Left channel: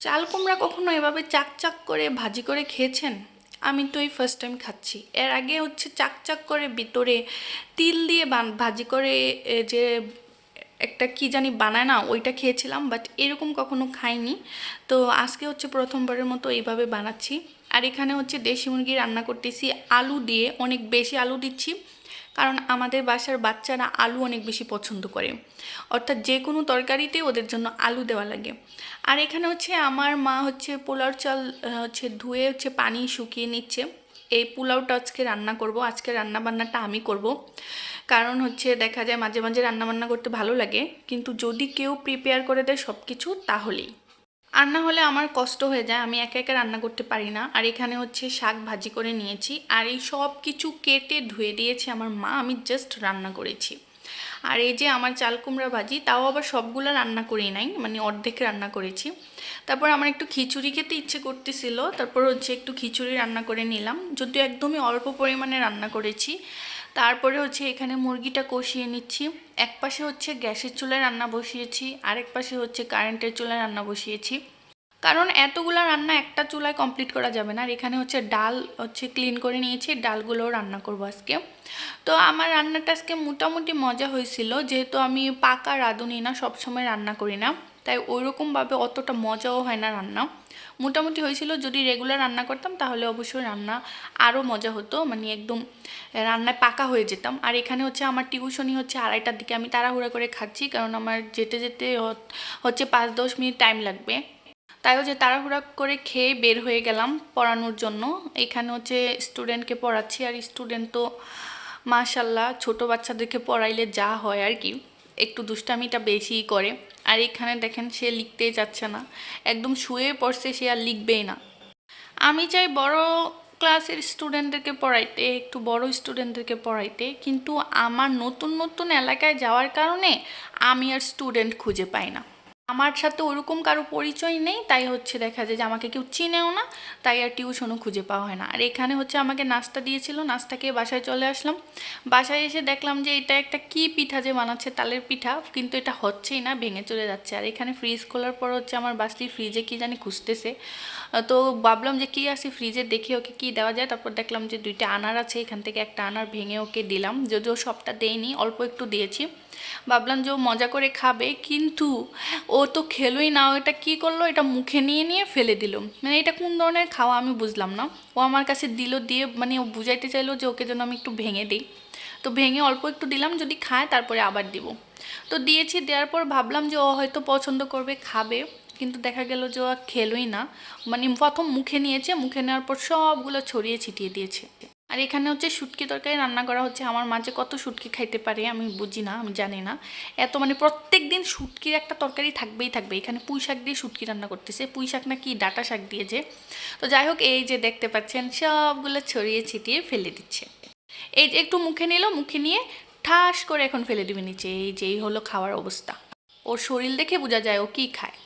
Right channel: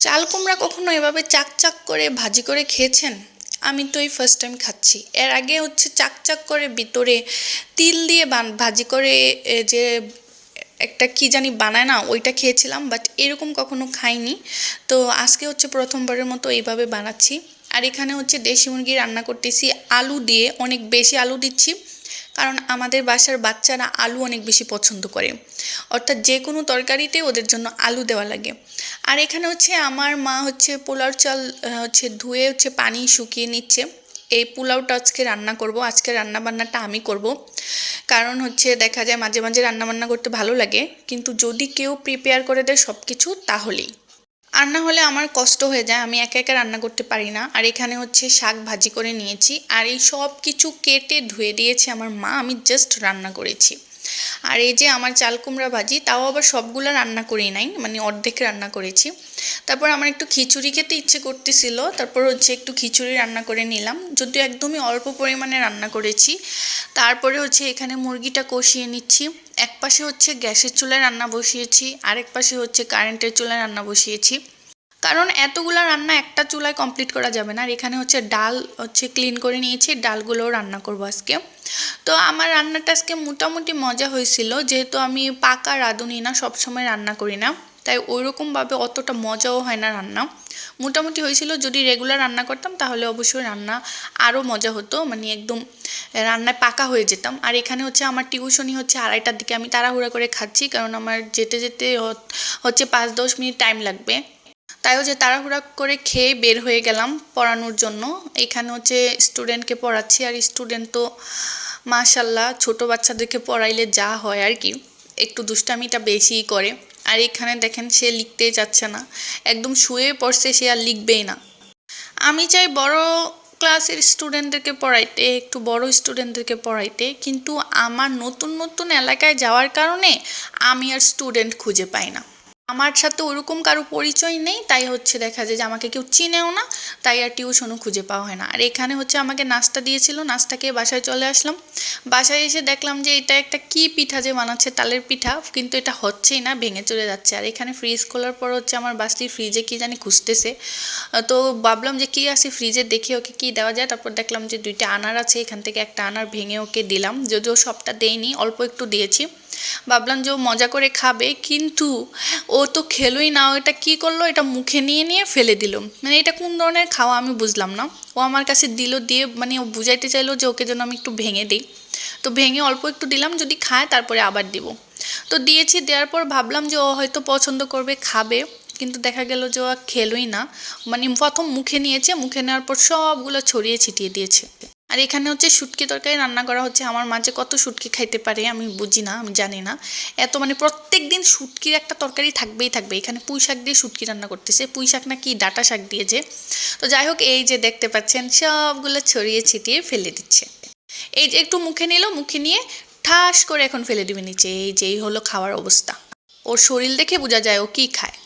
চাল কুমড়া কখনো এভাবে চাক চাক করে ভাজি করে খেয়েছেন? আমি তো এই ফার্স্ট টাইম খাচ্ছি। এর আগে হচ্ছে চাক চাক করে ভিতরে তিল দিয়ে ভাজি করে যে একটা কি জানি বানায় না, ওইটা খেয়েছিলাম, বাট এরকম কখনো খাইনি। তো আজকে হচ্ছে প্রথমবারের মতো এইভাবে বানাচ্ছি। আর এখানে হচ্ছে দেশি মুরগি রান্না করতেছি আলু দিয়ে, অনেক বেশি আলু দিচ্ছি, কারণ আমাদের বাসার বাচ্চারা আলু অনেক বেশি পছন্দ করে। অর্থাৎ যে কোনো তরকারিতে ওদের জন্য আলু দেওয়া লাগে। আর এখানে হচ্ছে আমার মা হচ্ছে পোলাও চাল হচ্ছে ধুয়ে হচ্ছে পানি শুকিয়ে নিচ্ছে। এই পোলাওটা আজকে রান্না করব, আজকে রান্না বান্নাটা আমি করব। কারণ হচ্ছে দেখা যায় মাঝে মাঝে রান্না বান্না করতে ভালো লাগে, কিন্তু যদি কেউ প্রিপেয়ার করে দেয় সব কিছু তাহলেই। আর না হলে আমার কষ্ট হয়ে যায়, আমি একা একা রান্না করতে পারি না। আর এখানে হচ্ছে শাক ভাজি করে নিয়েছি, আর এই সব কিছু কেটে ধুয়ে দিয়েছে আমার মা, আমি জাস্ট রান্না করেছি। আর এই যে আমার চাল কুমড়া ভাজি, তাও আবার সবগুলো রান্না করি নাই, মানে অর্ধেক রান্না করেছি। তারপর আমার একটু খিচুড়ি খেতে ইচ্ছে করতেছিল, তারপর হচ্ছে একটু খিচুড়ি রান্না করে নিলাম, যদিও একদমই অল্প পরিমাণে রান্না করেছি। তারপরে হচ্ছে এখানে মুরগিটা কষিয়ে নিচ্ছি। এক পাশে হচ্ছে গ্যাসের চুলায় রান্না বসিয়েছি, আরেক পাশে হচ্ছে কারেন্টের চুলায় রান্না বসিয়েছি, কারণ এতগুলা রান্না একটা চুলায় কমপ্লিট করা যাবে না। আর এখানে হচ্ছে ডাল হচ্ছে ক্লিন করে নিয়েছি, ডালগুলোও রান্না করবো আজকে। তো আমার রান্নাটা আজকে মোটামুটি মজা হয়েছিল, যেহেতু আমি পাকা রাঁধুনি না, সবসময় রান্না করি না, তাই ওইরকমভাবে অতটা মজাও হয় না রান্না। মোটামুটি হয়েছিল, যদি রেগুলার রান্না করতাম তাহলে অবশ্যই রান্না আরও মজা হতো, মানে একদম রান্নায় পাকা হয়ে যেতাম। আর এখানে হচ্ছে আমার টিউশনি হচ্ছে 2:30টার দিকে, আমি তাড়াহুড়া করে খাচ্ছি, কারণ আমার যেতে যেতে হচ্ছে 5-10 মিনিট টাইম লাগবে। তাইও যে তাড়াহুড়া করে খেয়ে বের হয়ে গেলাম পড়ানোর জন্য। এখানে হচ্ছে স্টুডেন্টকে পড়াচ্ছি, আর স্টুডেন্ট তো মাশাল্লাহ ছোট বাচ্চাদেরকে পড়াইলে যা হয় আর কি, একটু দুষ্টামিটা বেশিই করে। আর এখানে দেখেন সে লিখতেই চাচ্ছে না, একদম শুয়ে পড়ছে, সে আর লিখবেই না। আমি চাই বড় ক্লাসের স্টুডেন্টদেরকে পড়াইতে, একটু বড় স্টুডেন্টদেরকে পড়াইতে, কিন্তু আমার নতুন নতুন এলাকায় যাওয়ার কারণে আমি আর স্টুডেন্ট খুঁজে পাই না। আমার সাথে ওরকম কারো পরিচয় নেই, তাই হচ্ছে দেখা যায় যে আমাকে কেউ চিনেও না, তাই আর টিউশনও খুঁজে পাওয়া হয় না। আর এখানে হচ্ছে আমাকে নাস্তা দিয়েছিল, নাস্তা খেয়ে বাসায় চলে আসলাম। বাসায় এসে দেখলাম যে এটা একটা কি পিঠা যে বানাচ্ছে, তালের পিঠা, কিন্তু এটা হচ্ছেই না, ভেঙে চলে যাচ্ছে। আর এখানে ফ্রিজ খোলার পর হচ্ছে আমার বাস্তি ফ্রিজে কি জানি খুঁজতেছে। তো ভাবলাম যে কি আছে ফ্রিজে, দেখি ওকে কি দেওয়া যায়। তারপর দেখলাম যে 2টা আনার আছে, এখান থেকে একটা আনার ভেঙে ওকে দিলাম, যদিও সবটা দেইনি, অল্প একটু দিয়েছি। ভাবলাম যে ও মজা করে খাবে, কিন্তু ও তো খেলোই না। ও এটা কী করলো, এটা মুখে নিয়ে নিয়ে ফেলে দিল। মানে এটা কোন ধরনের খাওয়া আমি বুঝলাম না। ও আমার কাছে দিল, দিয়ে মানে ও বুঝাইতে চাইলো যে ওকে যেন আমি একটু ভেঙে দিই। তো ভেঙে অল্প একটু দিলাম, যদি খায় তারপরে আবার দিব। তো দিয়েছি, দেওয়ার পর ভাবলাম যে ও হয়তো পছন্দ করবে, খাবে, কিন্তু দেখা গেল যে ও খেলোই না। মানে প্রথম মুখে নিয়েছে, মুখে নেওয়ার পর সবগুলো ছড়িয়ে ছিটিয়ে দিয়েছে। আর এখানে হচ্ছে শুটকি তরকারি রান্না করা হচ্ছে। আমার মাঝে কত শুটকি খাইতে পারে আমি বুঝি না, আমি জানি না। এত মানে প্রত্যেক দিন শুটকির একটা তরকারি থাকবেই থাকবে। এখানে পুঁই শাক দিয়ে শুটকি রান্না করতেছে, পুঁই শাক না কি ডাঁটা শাক দিয়েছে। তো যাই হোক, এই যে দেখতে পাচ্ছেন সবগুলো ছড়িয়ে ছিটিয়ে ফেলে দিচ্ছে। এই যে একটু মুখে নিল, মুখে নিয়ে ঠাস করে এখন ফেলে দিবে নিচে। এই যে এই হলো খাওয়ার অবস্থা। ওর শরীর দেখে বোঝা যায় ও কি খায়।